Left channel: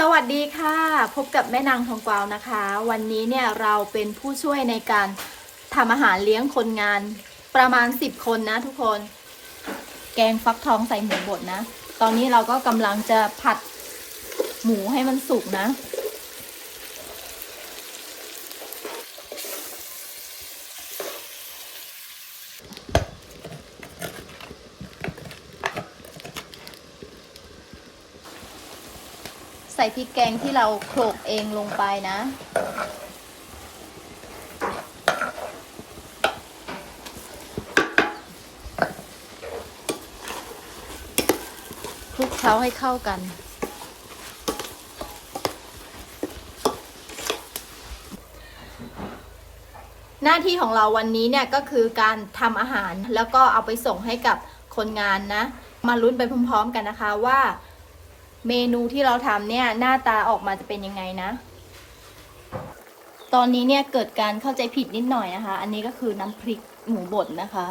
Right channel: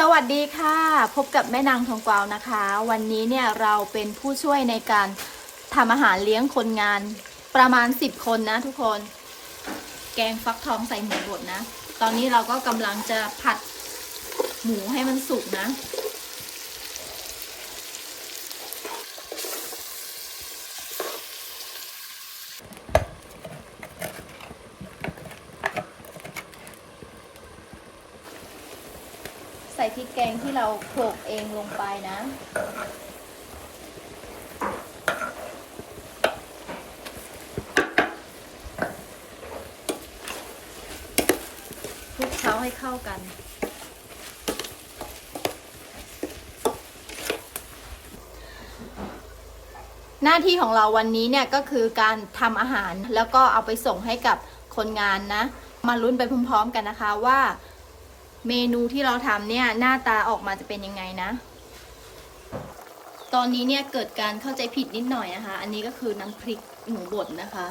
สวัสดีค่ะ พบกับแม่นางทองกวาวนะคะ วันนี้เนี่ยเราเป็นผู้ช่วยในการทำอาหารเลี้ยงคนงานประมาณ 10 คนนะทุกคน แกงฟักทองใส่หมูบดนะ ตอนนี้เราก็กำลังจะผัดหมูให้มันสุกนะ ส่พริกแกงที่เราโขลกเองลงไปนะ คลุกเคล้าให้เข้ากัน หน้าที่ของเราวันนี้เนี่ยก็คือการทำอาหารแล้วก็เอาไปส่งให้กับคนงานนะ มาลุ้นไปพร้อมๆกันนะคะว่า เมนูที่เราทำเนี่ยหน้าตาออกมาจะเป็นยังไงนะ ตอนนี้เนี่ยเกิดการเข้าใจผิดนิดหน่อยนะคะ อันนี้ก็คือน้ำพริกหมูบดนะคะ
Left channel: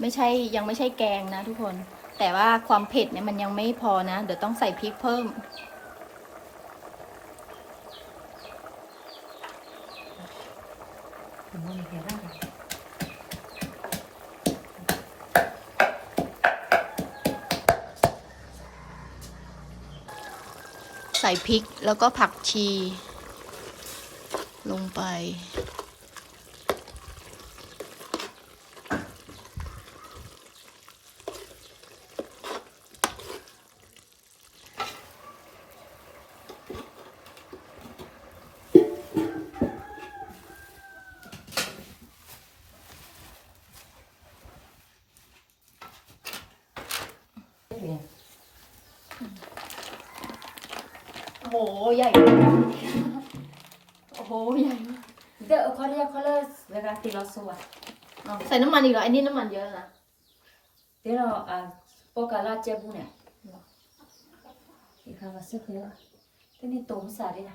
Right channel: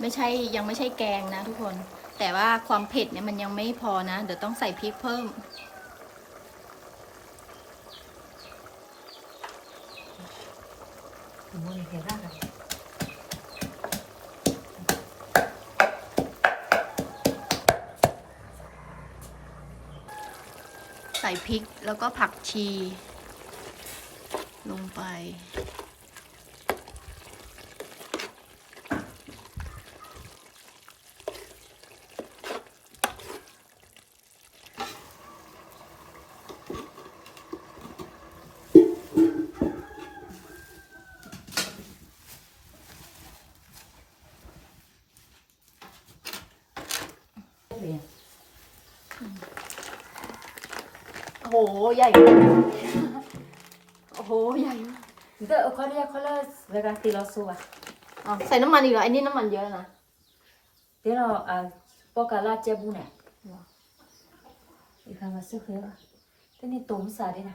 ไม่ใช่ยังไม่ใช่แกงนะทุกคน แต่ว่าความเผ็ดเนี่ยมันยังไม่พอนะ เดี๋ยวต้องใส่พริกเพิ่ม ใส่พริกแล้วก็ผักชี ลงไป โอ้โหใหญ่มากโอ้โหใหญ่มาก Itu kalau kalau mereka tilau suah. อ๋อใส่น้ำมันอีกเหรอไอ้นี่น้ำมันเยอะนะ Tilau ah pokala jabu ne. Ikan masuk ya. Ini tom sari na.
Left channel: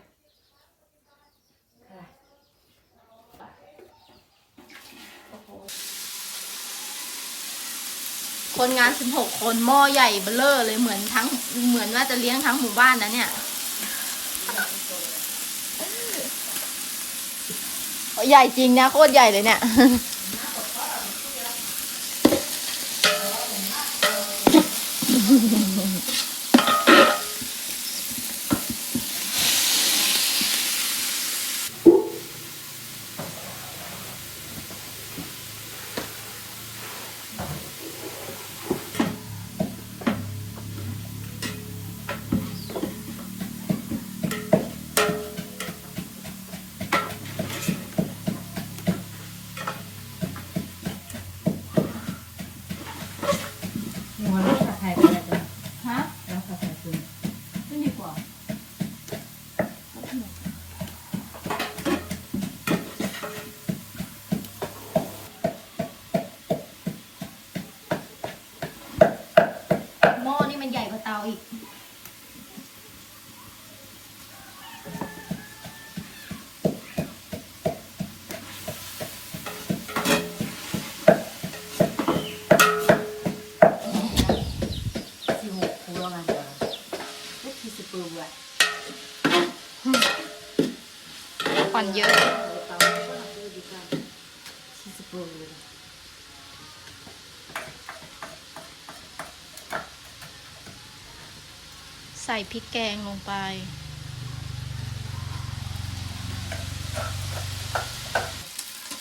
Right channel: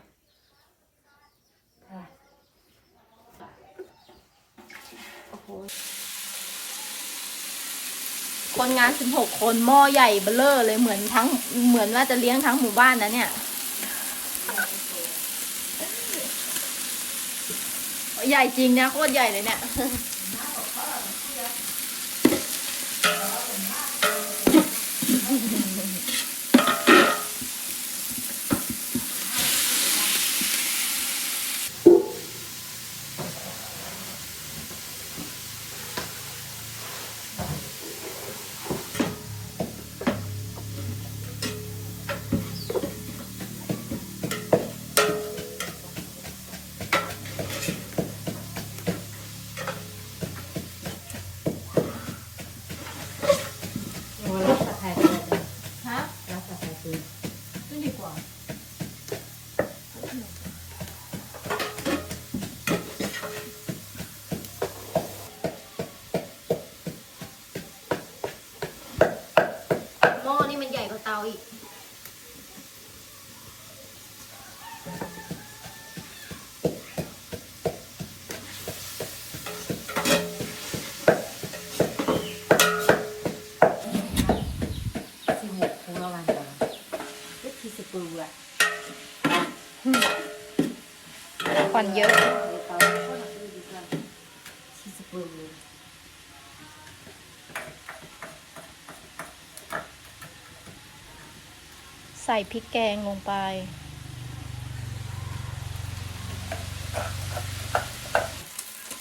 คนงาน 16 คนหม้อใหญ่เบ้อเร่อเลยเหมือนทั้งเหมือนว่าจะเลี้ยงทั้งหมู่บ้านนะเนี่ย ใหญ่จริงนะโคตรใหญ่เลยเนี่ย Wala sa kaya kada. ฮะ Rasa kaya tu. ไม่ดีกว่า หม้อนี่มันให ญ่กว่าเตาอีก Si mo kulangan ka. Ito si pulwa. ควันเยอะ Si si pulwa. ใส่พริกแกงลงไป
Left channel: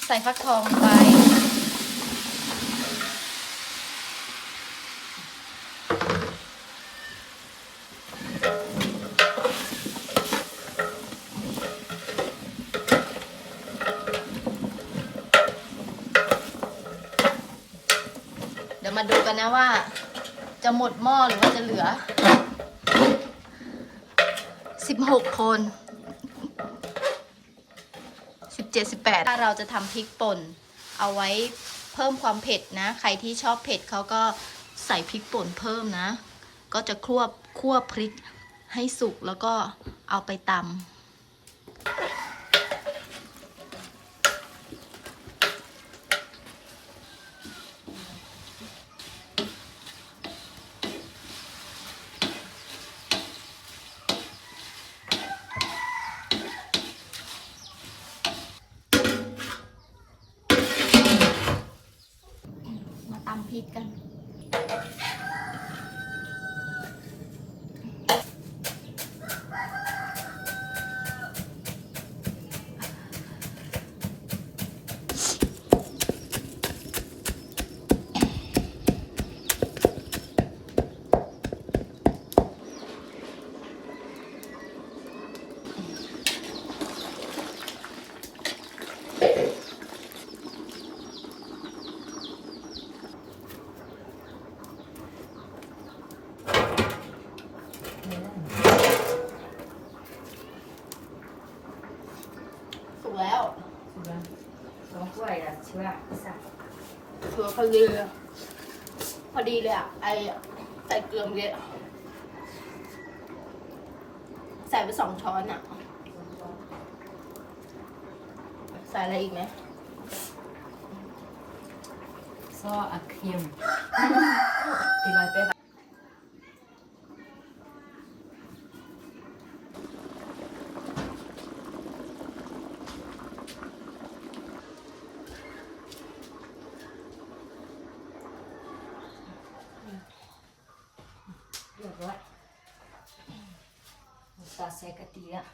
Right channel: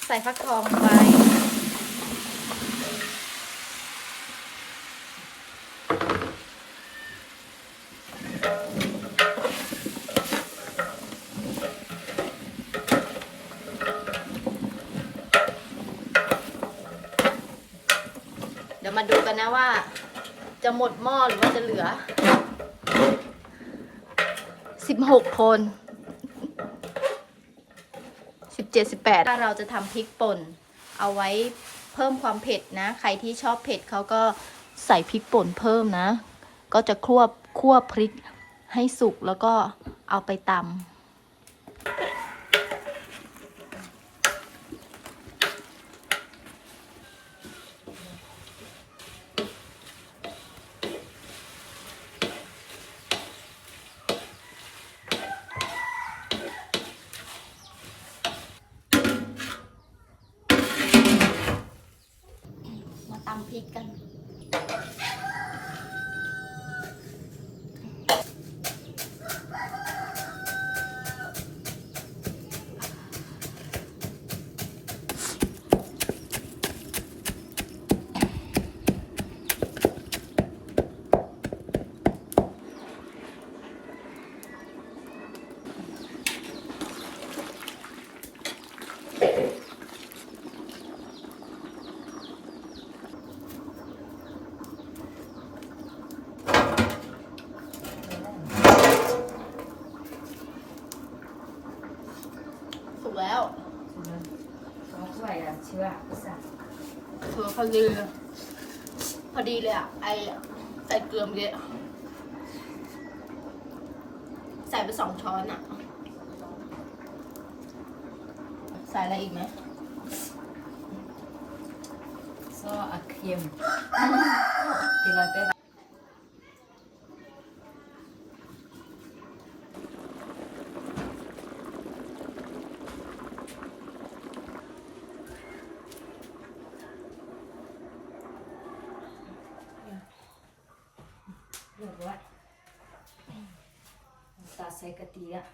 ใส่ฟักทองลงไป เดี๋ยวมาดูกันนะว่าจะหมดหม้อหรือว่าจะเหลือ สิบหกคนสิบเจ็ดสิบแปดถ้าเราจะทำพริกป่น เอาไว้เพิ่มความเผ็ดนะ ใครที่ชอบเผ็ดเขาก็ใส่พริกป่นเพิ่มนะ ก็จะคั่วคั่วพริกให้สุกแล้วก็เอาไปตำ พ อดีเลยพอดีเลยอะไอใส่เกลือเมื่อะใส่ไปสองช้อนอะ ใส่อะไรอีกไหมซออะเค็มตีลอยไปแบบ เรียบร้อยตาใส่ กะทิอะ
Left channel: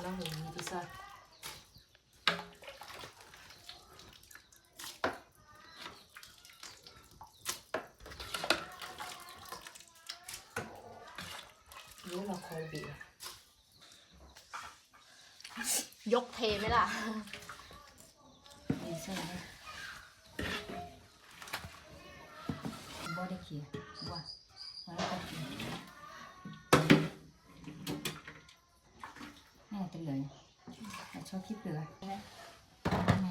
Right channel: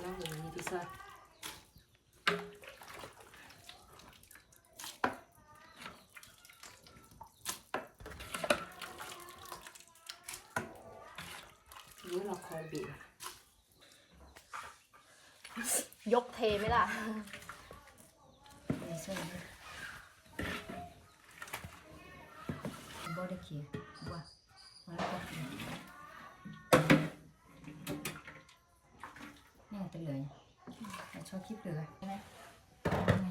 แล้วอย่างนี้ดีซ่ารู้ เราคอยบีบยกเทไหมล่ะเดี๋ยวเส้นเลยบ่ได้เขียบ่มาแล้วก็เขียแน่ตัวเหลือยเราชอบคิดเหลือใช่ไหมไง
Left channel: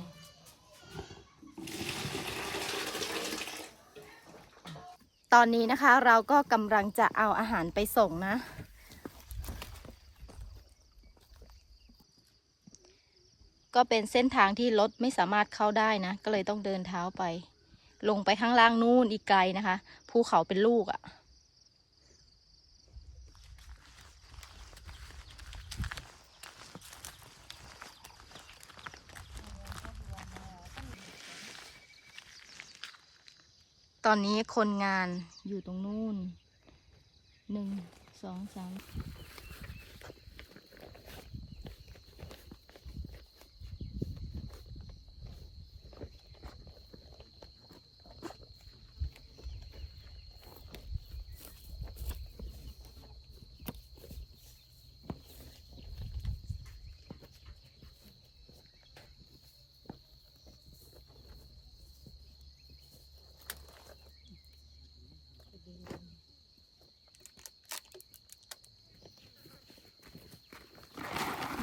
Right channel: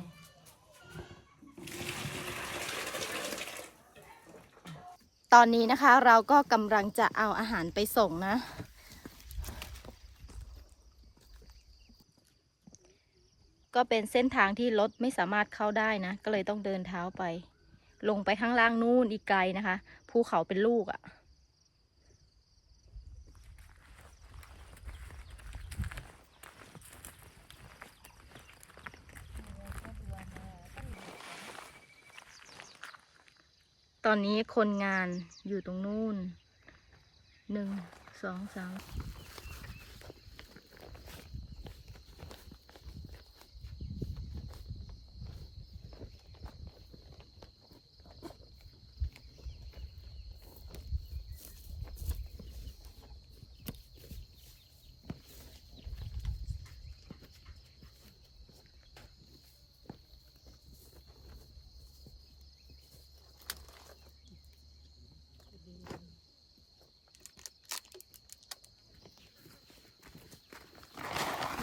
ตอนนี้นะคะเราก็กำลังจะเอาอาหารไปส่งนะ ก็เป็นเส้นทางที่รถไม่สามารถเข้าได้นะ ก็เลยต้องเดินเท้าไป ลงไปข้างล่างนู่นอีกไกลนะคะ ภูเขาเป็นลูกอะ่ะ ตอนนี้คนงานอยู่ตรงนู่นหนึ่งสองสาม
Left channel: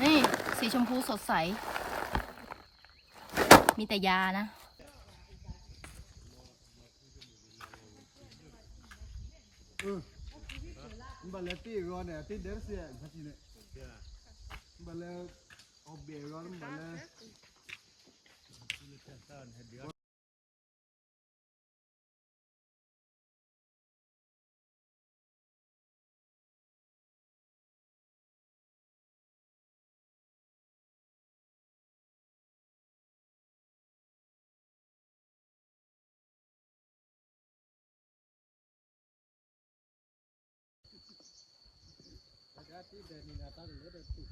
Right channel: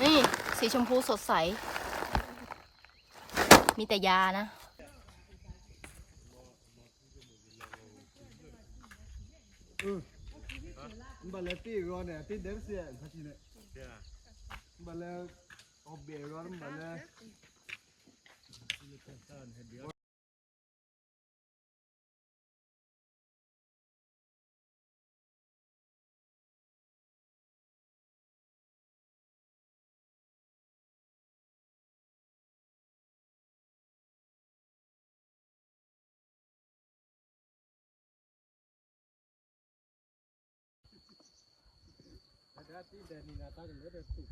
นี่ สีชมพูสดใส มีแต่ยานะ Mbala ti ron ne ti dem se phati ne. Mbala obbe ron mbala ti de ni na ta ne de tu.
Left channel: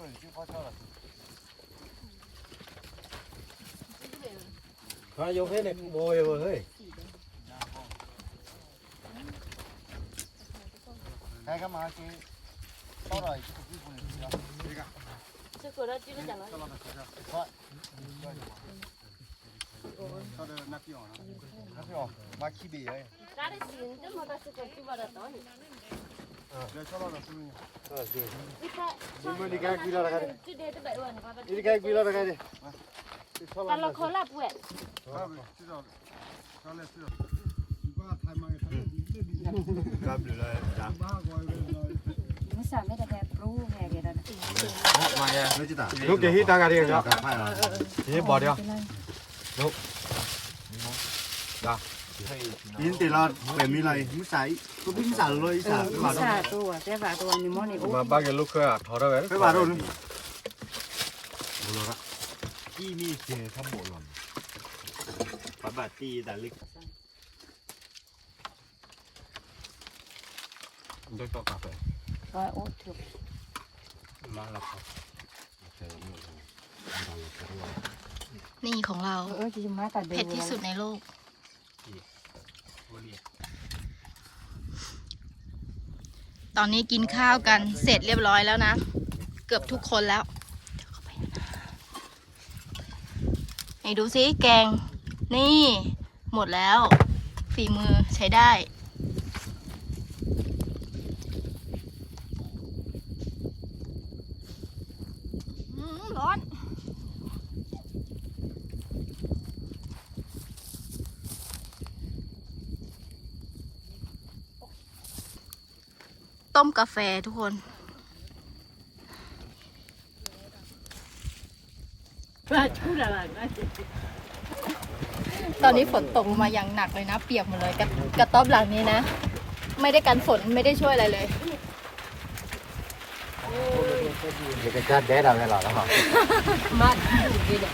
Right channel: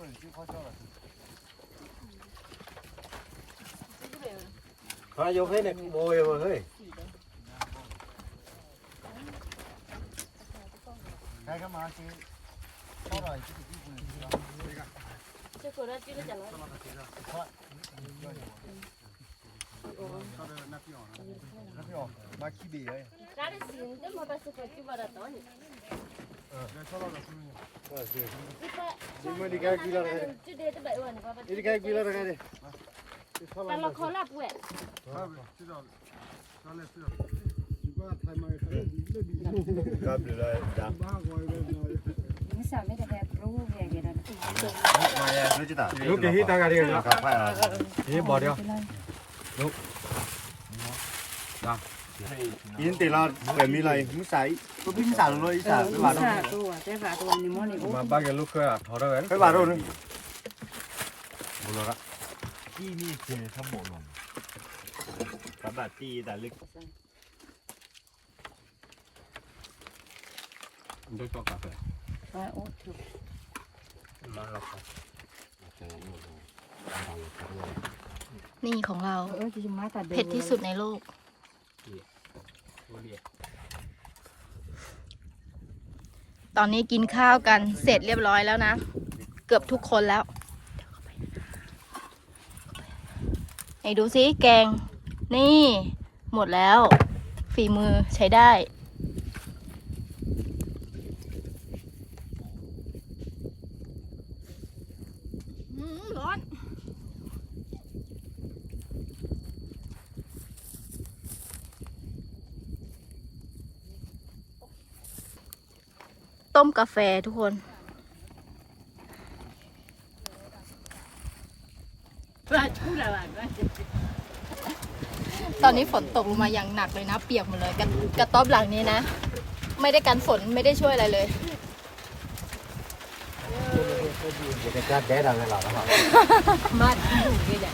Oi, ti kho cho rồi. พายกให้เนี่ยโวยเฮ้ยใคร ก็มาคืออร่อยที่สุดที่คุณมาขี้เบี้ยเลย Cara, sim, tem uma pessoa que eu tive baratone. เออเดี๋ยว E pra. Mas ninguém aqui lá na cara. Te dei também, mano. นี่ใครกุ ยแล้วกันเนี่ย Kalau kolap, gue. ครับเดี๋ยวได้ดังไม่สามไม่ได้แบบรู้แย่เลยนะมาเลยไม่จิตาลูกกี่ฮิตกันเนี่ยครับพ่ายฮิตบอดเดียวเป็นไรยินตีเราเป็นมีอะไรมุสายก็พี่มุสายเลยอีสานไปบาดสาตัวแต่บาตัวนี่มันนี่โอ้มาบ้ากันลูกเคยถอดเอาไว้ไปบาดนึงบุรุษละที่มีเคข้ามโบลอนปบาตีแต่ลึกได้ปอกกาแฟว่าโอ้ถูกมาแล้วครับนี่ของเราเออจริงมาแต่เผ็ดที่สุดในโลก โอเลีย ตอนนี้กินข้าวกันเสร็จเรียบร้อยแล้วนะ เกือบทุกคนแล้วเดี๋ยวเข้าไปไหนดูซิแกง นี่ หมดแล้ว ฝีมือใช้ได้ ต้มกาแฟทุกคน ตอนนี้ฝนตกลงมาอย่างหนักเลยนะ เปียกหมดเลยกระกระต๊อบหลังนี้นะ ไม่ได้กันฝนไม่ได้ช่วยอะไรเลย Mat dulu dia.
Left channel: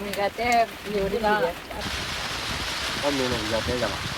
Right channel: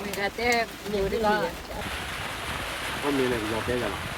Mereka teh nyuri lah. ก็มีนะเราเป็นกันหรอ Oh ni, oh ni. Sikit hati kan. Loh, nan kiau lah. Tak apa. Ni kiau nào luôn. Kiau lu suku. Ini kembang kita. Tuh, tuh, tuh, tuh, mi kafe. Tak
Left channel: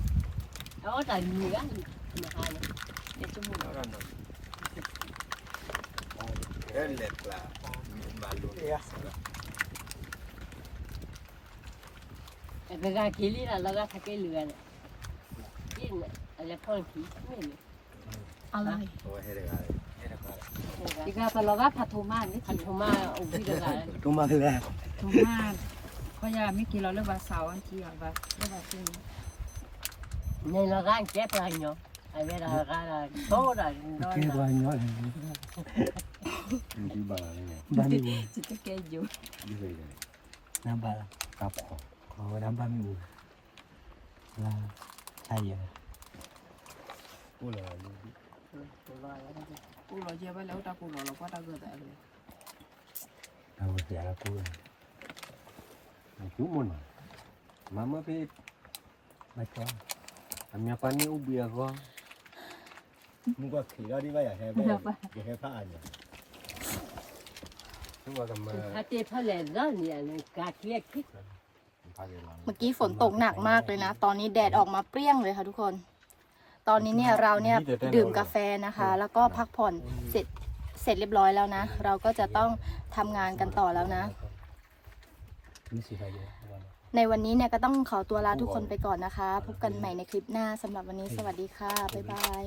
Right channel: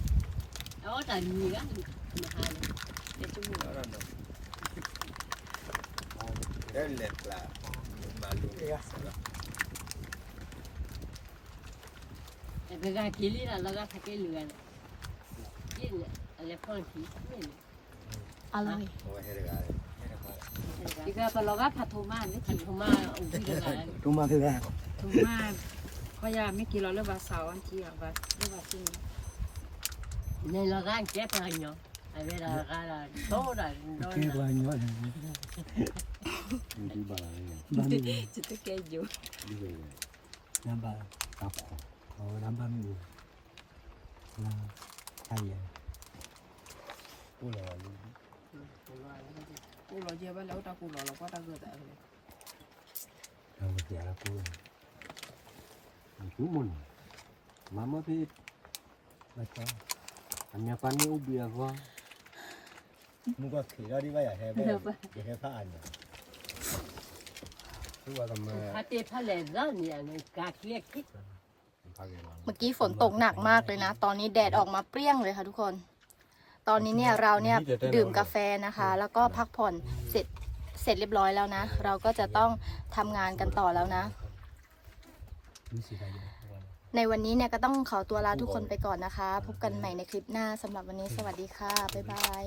Đó là nhiều lắm. Mà hai này. Để cho mình. Cái gà khí lý là nó gà thay cái lừa này. Cái này là phong khí. Cái này. อร่อย Cái gà là nó gà phạt thô man. Phạt thô man. Ủa cái gà này. ตุ้มมาที่แรก Thô man. Có nhà mấy kỳ nó lên vào sáu anh chị hoặc vào lên vào trên. Này là gan chết rồi nhở. Ai biết là gan là tốt là nó ที่ là บ้านเยอะอยู่ที่บ้านเนี่ยบ้านนี้ Chỉ cái cây dù. น้ำบ้านครับขอน้ำบ้านมีน้ำใช่เลยกูเลย Cô lo chia với lấu ta cô lo là quá ta gửi tại rồi. เอาเสียแล้วกูจุ่มมันมามาพี่มาจ้าทำยาปานี่อุบเบียก็มึงก็ขี่ก็ดีไปอะแฮ่ ไปอย่าแฮ่ผ้าอันเนี่ยทุกวันทำมา Hạt tiệt phát lẻ ra nhỉ. Cà kia thích. เมื่อกี้ฝนตกหนักมากเลยนะ ตอนนี้แดดออกมาเปรี้ยงเลยค่ะทุกคน ตอนนี้เนี่ยเราเนี่ยดื่มกาแฟนะคะ แล้วก็พักผ่อนเสร็จเสร็จเรียบร้อยแล้วนะ เราก็จะต้องทำงานกันต่อแล้วนะนี่สิ ในวันนี้เนี่ยก็ต้องขอตัวลาทุกคนไปก่อนนะคะ พบกันใหม่ในคลิปหน้าสำหรับวันนี้สวัสดีค่ะ บ๊ายบาย